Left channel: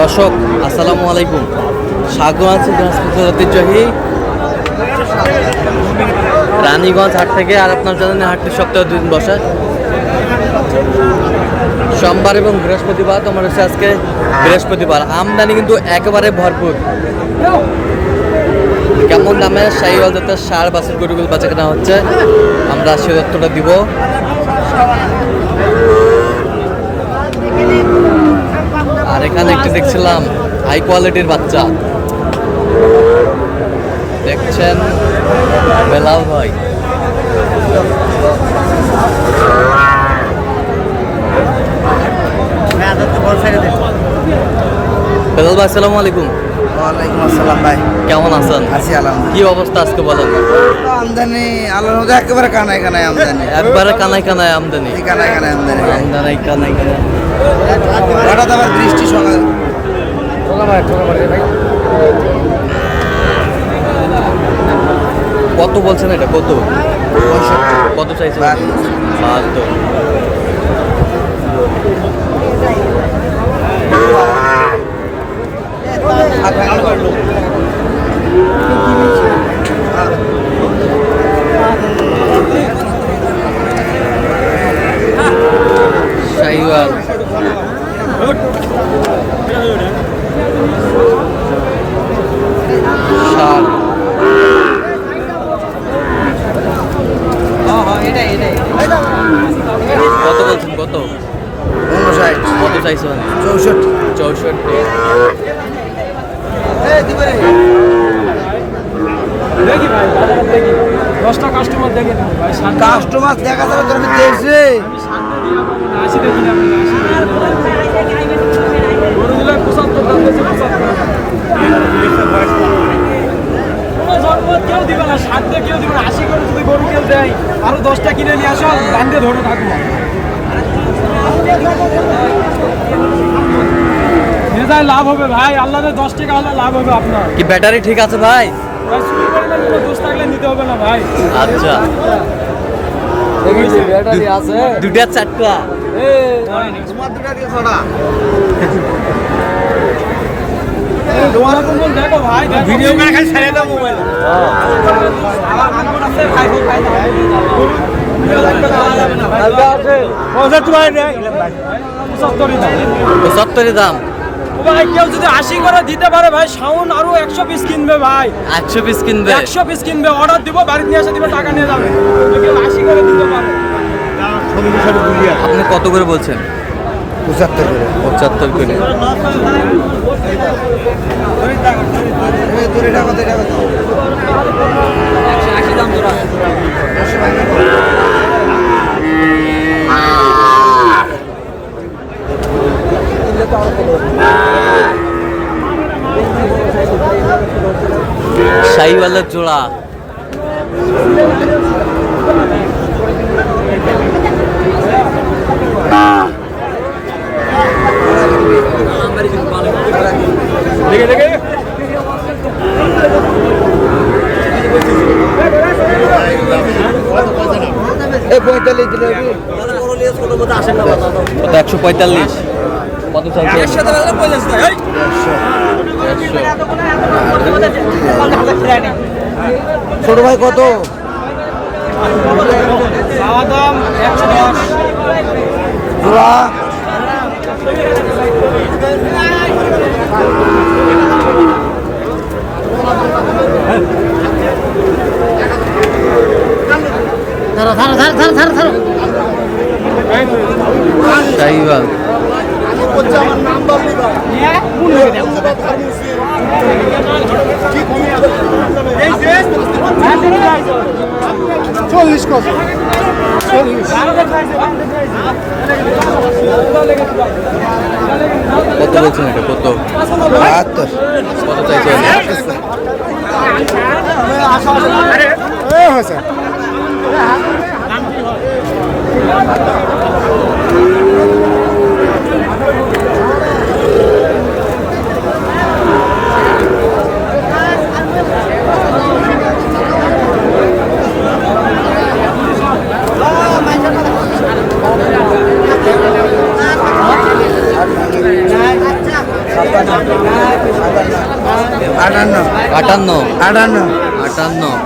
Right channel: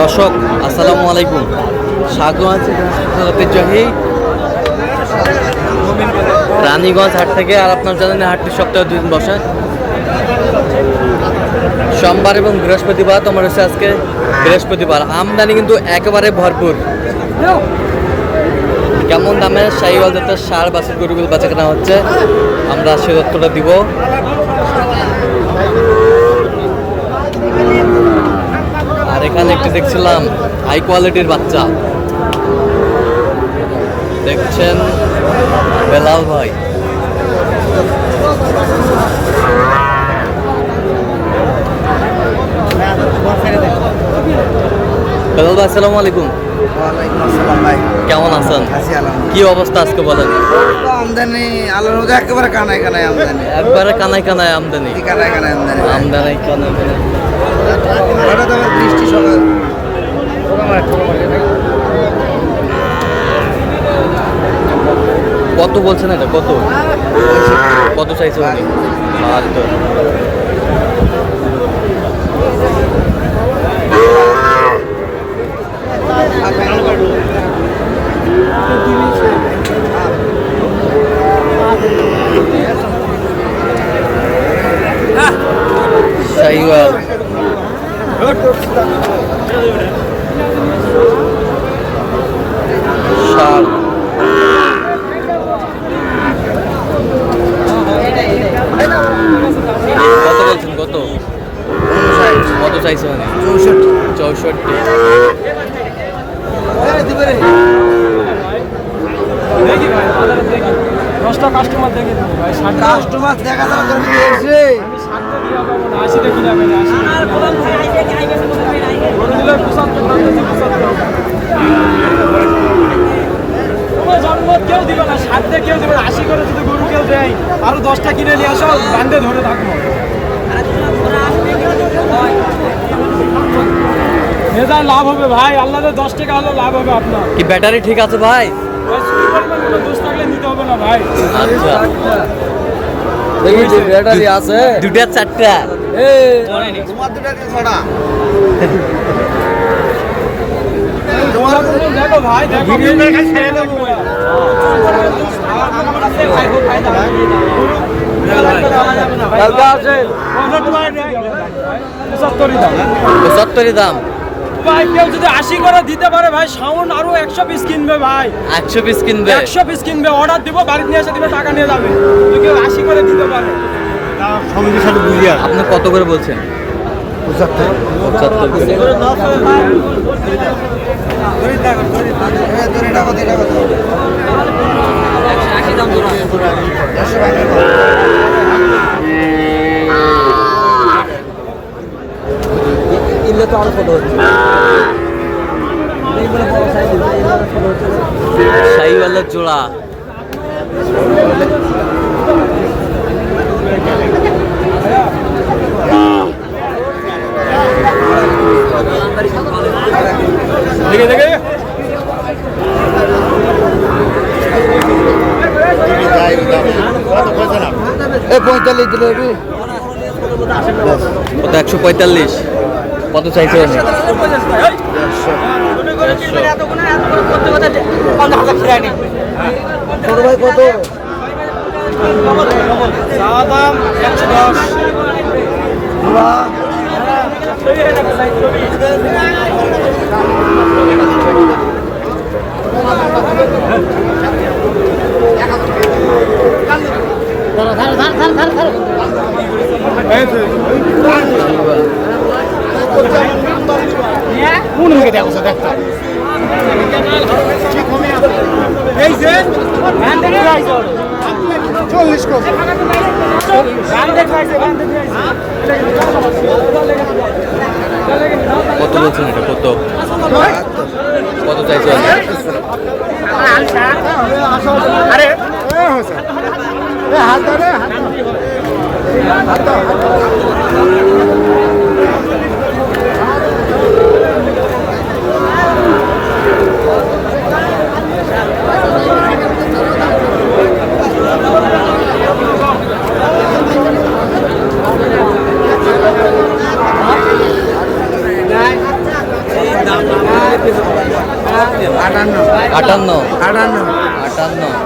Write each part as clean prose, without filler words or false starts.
দর্শক আসসালামু আলাইকুম, স্বাগত আছি ঐতিহ্যবাহী রানীগঞ্জ হাট থেকে। আর আপনার জানেন হাটটি সপ্তাহে 2 দিন বসে, সোমবার এবং বৃহস্পতিবার। তোমার হচ্ছে আজকে বৃহস্পতিবার। আমদানি কিন্তু একেবারে ভরপুর। কেমন দামে শাহিওয়াল জাতের ষাঁড় বাছুর গরুগুলো বেচা কেনা হচ্ছে আমরা সে তথ্যটা দিব। আর এখানে একটি দেখছিলাম হাই কোয়ালিটির বাচ্চা, দেখছেন বেলাল ভাই। বেলাল ভাই আসসালামু আলাইকুম। ওয়ালাইকুম আসসালাম ভাই, কেমন আছেন? আছি আলহামদুলিল্লাহ। কি অবস্থা আজকে বলেন? আমদানি আল্লাহর মধ্যে একেবারে কানায় কানায় আমদানি, একবারে কানায় কানায় আমদানি, কানায় কানায় আমদানি, আমদানি কানায় কানায়। হঠাৎ আবার বৃষ্টি সকাল কত বলছেন এটা? কত কত চাইছে? 72। শাহিওয়াল ষাঁড় কত বলছেন? কত কত চাইছে? মানে 64। দশটা কাস্টমার দেখে দেবো ভাই। কাস্টমার দেখা যাবে তুমি দেখছি গরুগুলো 75 দাম দিয়েছে, 75। কোনো জন্মত কেউ দিবে না, 60 দিয়ে কেউ দেবে না। 80 করে যদি গরু কেউ দেয়, আরো 10টা কিনে নিয়ে আসো, দাঁড়িয়ে ধরে থাকবো। মেজায় লাভ হবে ভাই, আল্লাহর 10 টাকা হলে লাভ হবে আপনার। কি ব্যাটারি ঠিক আছে ভাই? ভাই শুধু পরিমাণ কোনো দোষ থাকলে নিতে হবে না ভাই। আচ্ছা, ব্যাটারি আছে 2টা 4টা। তোমার দুটা কি ছড়া দোলা কম্বল দেখো ভাই, দেখো ভিডিও করে খাই ছেড়ে দাও মোবাইল। আমার খবর আছে ভাই, ভাই না গরু ভিডিও লাগবে না, আমার যাবে না ভাই। আছে ওটা তোমার নেই 75 দাম। 75 দাম ভাই কেউ যদি 80 করে দিতে পারে ভাই, শাওন আরো 100 পিস কিনবে ভাই। 100 পিস কিনবে? 100 পিস কিনবে, অর্ডার দিব, বাড়িতে নিয়ে এসে দিবে, টাকা নিয়ে যাবে। কেউ 80 করে দিতে পারে। আপনি কত করে বলছেন? 75 করে। শাহিওয়ালের জোড়া দেখে দেখে এই 45 দিলে কত? 145। কত চাইছে? 150। ছোট ভাই কত? চাওয়া দাম 110। শাহিওয়াল কত বলছেন এটা? কত কত চাইছে? 58 58 58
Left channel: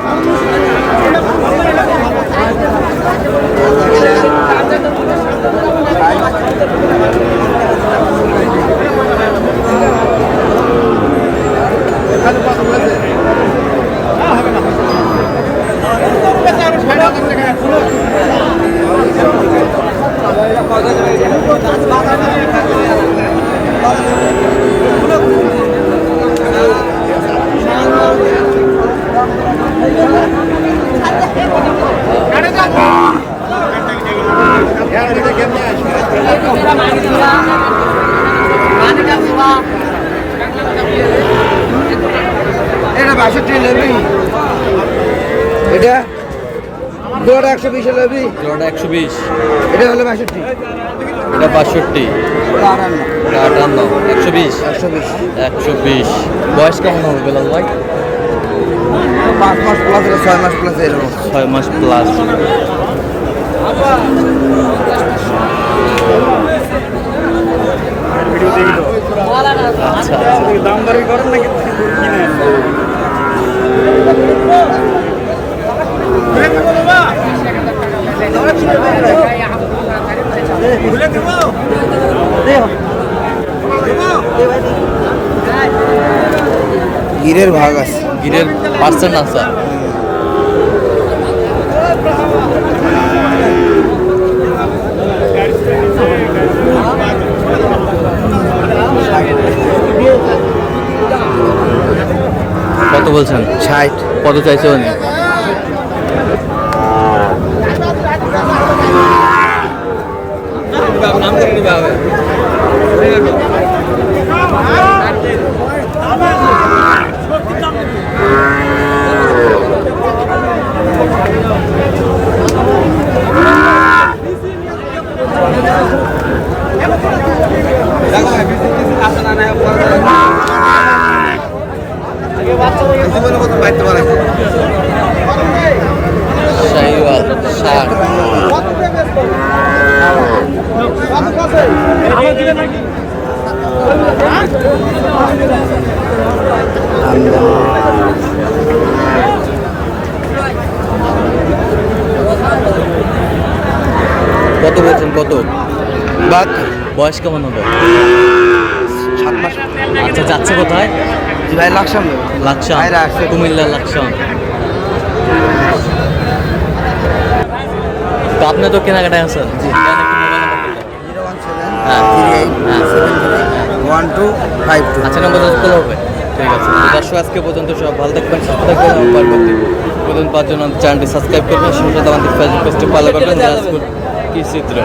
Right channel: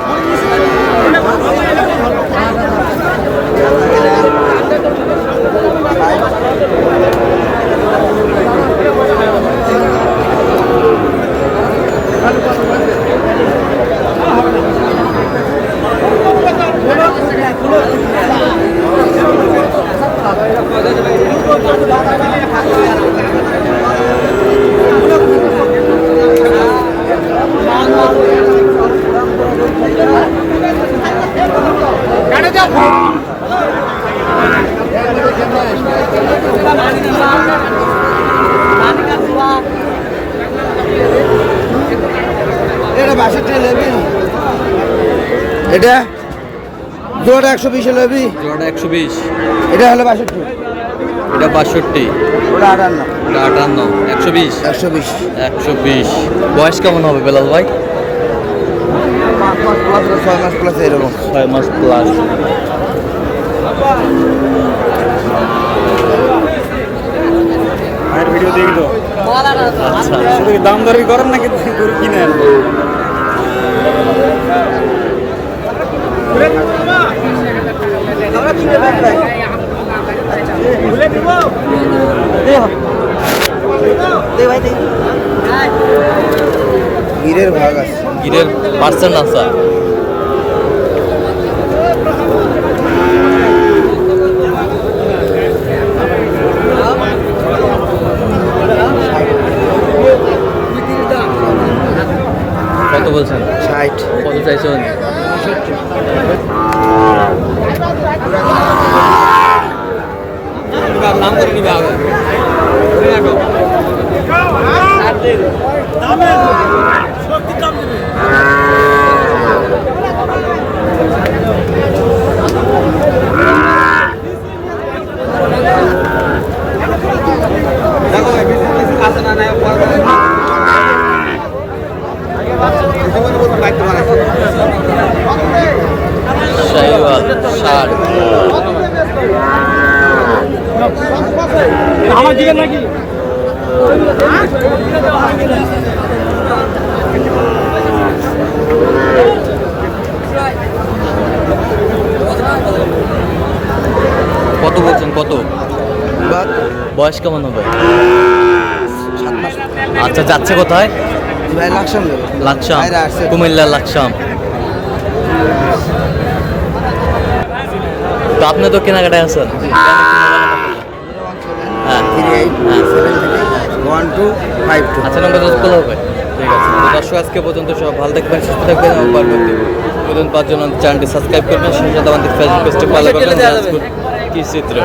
এটা 62 লবি এটা জোড়া 120 লবি জোড়াটা 120, এটা হলো 62 এটা 62, ওটা 58 ওটা 58, 120, 120 120। বয়স কেমন হবে বেলাল ভাই? 5 মাস প্লাস 6 মাস প্লাস এরকম 6 মাস প্লাস। আচ্ছা আচ্ছা, দাম দরই করেন নাকি কিনে গিরের ভাগ আছে গিরের পার্সেন্ট আছে। কত বলছেন? 60 কত চাইছে উনি? শাহিওয়াল 60। আমার দিকে নাকি কত বলছেন? কত? বাদ বয়স কেমন হবে? 7 মাস আচ্ছা, যাচ্ছে কোথায়? জি ভাই লাকসাম দেব লাকসাম, ভাইরা আসছে। কুমিল্লা লাকসাম। তো আপনি তো কেনাকাটায় আছেন? কেন কি মোবাইল নাম্বার বললেন? হ্যাঁ 38 হ্যাঁ 72 আচ্ছা, নম্বর যোগাযোগ হবে। ঠিক আছে, তো দর্শক আজকে পর্যন্ত সব ভালো থাকবেন, সুস্থ থাকবেন এবং পরবর্তী পর্যন্ত পাওয়ার জন্য চ্যানেলটি সাবস্ক্রাইব করবেন, সেই সাথে আমাদের ফেসবুক পেজটি ফলো করবেন। দিনাজপুর কি চিত্র।